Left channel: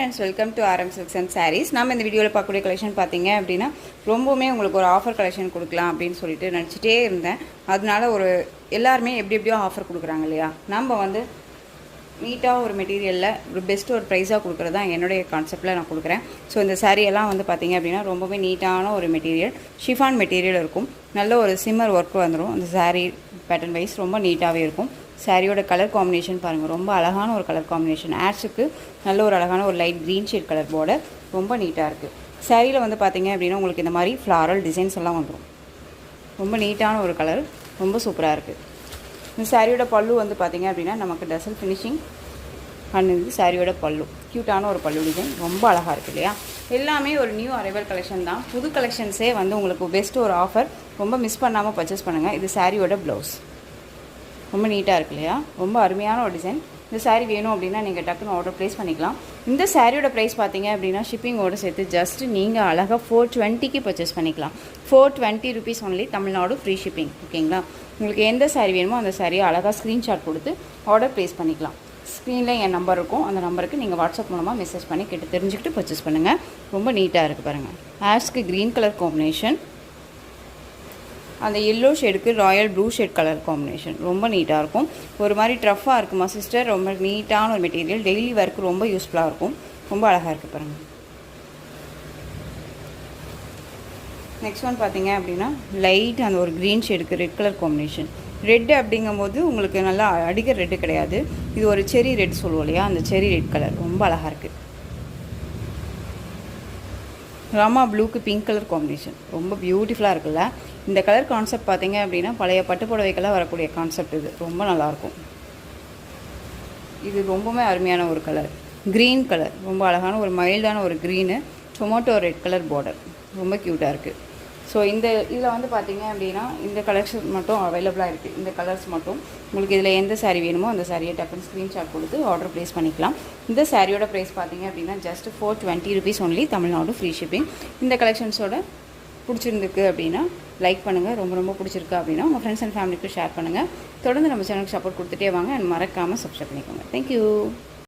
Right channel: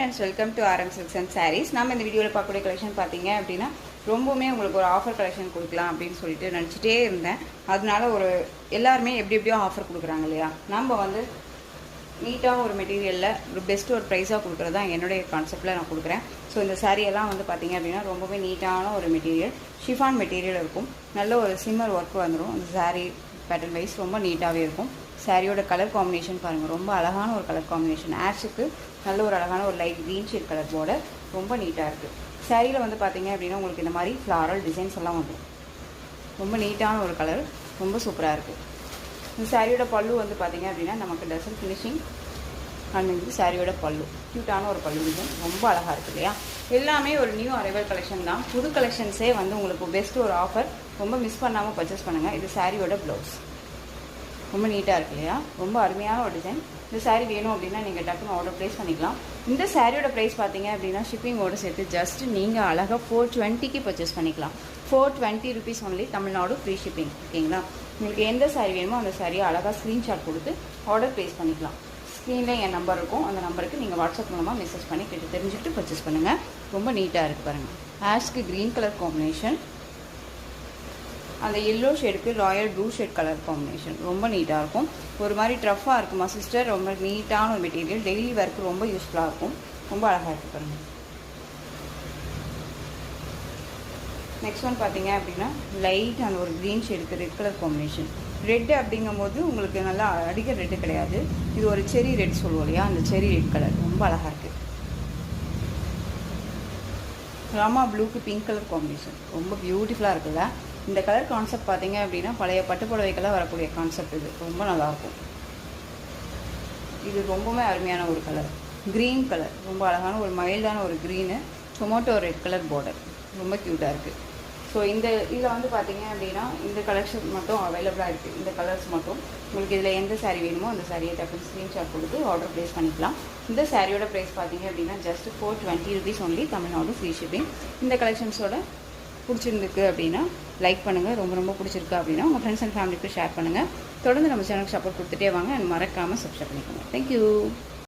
Friends, welcome to RM Silks and Sarees. நம்ம இந்த வீடியோவில் பார்க்கக்கூடிய கலெக்ஷன் பார்த்தீங்க அப்படின்னா ரொம்பவுமே உங்களுக்கு ஒரு ஆஃபர் கலெக்ஷன் கொடுக்கலாம் அப்படின்னு சொல்லிட்டு நினச்சிட்டே இருந்தேன். அதனால எல்லாருமே எப்படியோ ஆஃபர் கொடுக்குறாங்க இல்லையா, நம்ம வந்து நீட்டாக ஒரு மெட்டீரியலில் ஒரு பெஸ்ட் ஒரு ப்ரைஸாக கொடுக்குறது தான் என்னுடைய கான்செப்டில் நான் கொடுக்குறேன். ஸோ இந்த சாரியெல்லாம் வந்து பார்த்திங்க அப்படின்னா ரொம்பவே நீட்டான ஒரு மெட்டீரியல், ஷிஃபான் மெட்டீரியல் இருக்கும். நல்ல ஒரு சிம்மர் ஒர்க் வந்துடும். இந்த சாரீ பேட்டர்ன் வைஸ் ரொம்ப நீட்டாகவே இருக்கும். சாரியோட கலர் காம்பினேஷன் பாருங்கள், ரொம்ப அழகான ஒரு கலர் காம்பினேஷன். ஆட்ஸுக்கு நல்ல ஒரு அழகான ஒரு light green shade colour border, ரொம்ப நீட்டாக இருக்குது. சாரியில் வந்து பார்த்திங்க அப்படின்னா உங்களுக்கு இந்த மாதிரி ஃப்ளாரல் டிசைன்ஸ் எல்லாம் வந்துடும். ரொம்ப நீட்டான ஒரு கலர், ரொம்ப சூப்பராக இருக்குது. இந்த சாரியோட பல்லு வந்து பார்த்திங்க அப்படின்னா நமக்கு டசல் ஃபினிஷிங் பண்ணுது. சாரியோட பல்லு க்யூட்டான ஒரு பல்லு டிசைன், ரொம்ப அழகாக இருக்குது இல்லையா. எல்லாமே ஒரு நியூ அரைவல் கலெக்ஷன் தான். புது கலெக்ஷன்ஸே வந்து உங்களுக்கு பெஸ்ட் ஒரு ஆஃபர், ரொம்ப மிஸ் பண்ணாமல் பர்ச்சேஸ் பண்ணுங்கள். இது சாரியோட ப்ளவுஸ், ரொம்ப நீட்டாக இருக்கு இல்லையா, ரொம்ப அருமையான ஒரு டிசைன். இந்த சாரீ வேணும் அப்படின்னா நீங்கள் டக்குன்னு ஆர்டர் ப்ளேஸ் பண்ணிக்கலாம். இந்த சாரியோட ப்ரைஸ் பார்த்தீங்க அப்படின்னா ஷிப்பிங்கோடு சேர்த்து ஜஸ்ட் நீங்கள் அழகாக 420க்கு பர்ச்சேஸ் பண்ணிக்கலாம். 420 rupees only, Tamil Nadu free shipping. ஓகேங்களா, உங்களுக்கு எந்த சாரீ வேணுமோ அந்த சாரியை அழகாக ஸ்க்ரீன்ஷாட் கொடுத்து ஆர்டர் ப்ளேஸ் பண்ணிக்கலாம். ஸ்க்ரீனில் என் நம்பர் இருக்கும், அந்த நம்பருக்கு நீங்கள் வாட்ஸ்அப் மூலமாக மெசேஜ் பண்ணி கேட்டு தெரிஞ்சுக்கிட்டு பர்ச்சேஸ் பண்ணுங்கள். ரொம்ப நீட்டாக இருக்குது பாருங்கள். ஆஷ்க்கு க்ரீன் கலர் காம்பினேஷன், அந்த எல்லோ ஷேடுக்கு royal blue shade colour combination, ரொம்ப நீட்டாக இருக்கும். ஒரு மாதிரி ட்ரஃபாக இருக்குமா சிஸ்டர், ரொம்ப நீட்டான ஒரு மெட்டீரியல், டெய்லி ஒர்க்கு ரொம்ப யூஸ்ஃபுல்லாக இருக்கும். ரொம்ப அழகாக இருக்குது பாருங்கள். நெக்ஸ்ட் ஒன் பார்த்தீங்க அப்படின்னா லைட் அந்த ஒரு க்ரீன் ஷேடுக்கு ரெட் கலர் காம்பினேஷன். ரெட்டு அப்படிங்கும்போது உங்களுக்கு நல்லா அடிக்கிற ரெட்டு கிடையாது, இது ஒரு செரி ரெட் சொல்லுவோம் இல்லையா, அந்த செரி ரெட் கலர் ரொம்ப அழகாக இருக்குது. ராமா ப்ளூக்கு பிங்க் கலர் காம்பினேஷன், ரொம்ப பியூட்டிஃபுல்லாக இருக்குல்ல. இந்த கலர் கான்செப்ட் பார்த்தீங்க அப்படின்னா பழைய பட்டு புடவைக்கெல்லாம் வரக்கூடிய கான்செப்ட், இது ரொம்ப நல்லாயிருக்கும். இது ரொம்பவே அருமையான ஒரு கலர், க்ரீன் கலர், ரொம்ப அழகான ஒரு மைல்டான ஒரு green, tomato red colour border, ரொம்ப க்யூட்டாக இருக்குது. ஸோ இதில் வந்து பார்த்தீங்க அப்படின்னா இந்த கலெக்ஷன் மட்டும் அவைலபிளாக இருக்குது. இந்த கலர்ஸ் மட்டும் உங்களுக்கு இதில் எந்த சாரீ வேணுமோ அந்த சாரியை டக்குன்னு ஸ்க்ரீன்ஷாட் கொடுத்து ஆர்டர் ப்ளேஸ் பண்ணிக்கலாம். இந்த சாரியோட ப்ரைஸ் பார்த்தீங்க அப்படின்னா just 420 rupees only, Tamil Nadu free shipping. இந்த கலெக்ஷன்ஸோட பிடிச்சிருக்கு அப்படின்னா லைக் பண்ணுங்கள், ரொம்ப பிடிச்சிருக்கு அப்படின்னா உங்கள் ஃப்ரெண்ட்ஸ் அண்ட் ஃபேமிலிக்கு ஷேர் பண்ணுங்கள். தொடர்ந்து நம்ம சேனலுக்கு சப்போர்ட் கொடுத்துட்டே வாங்க, மறக்காமல் சப்ஸ்கிரைப் பண்ணிக்கோங்க. தேங்க்யூ.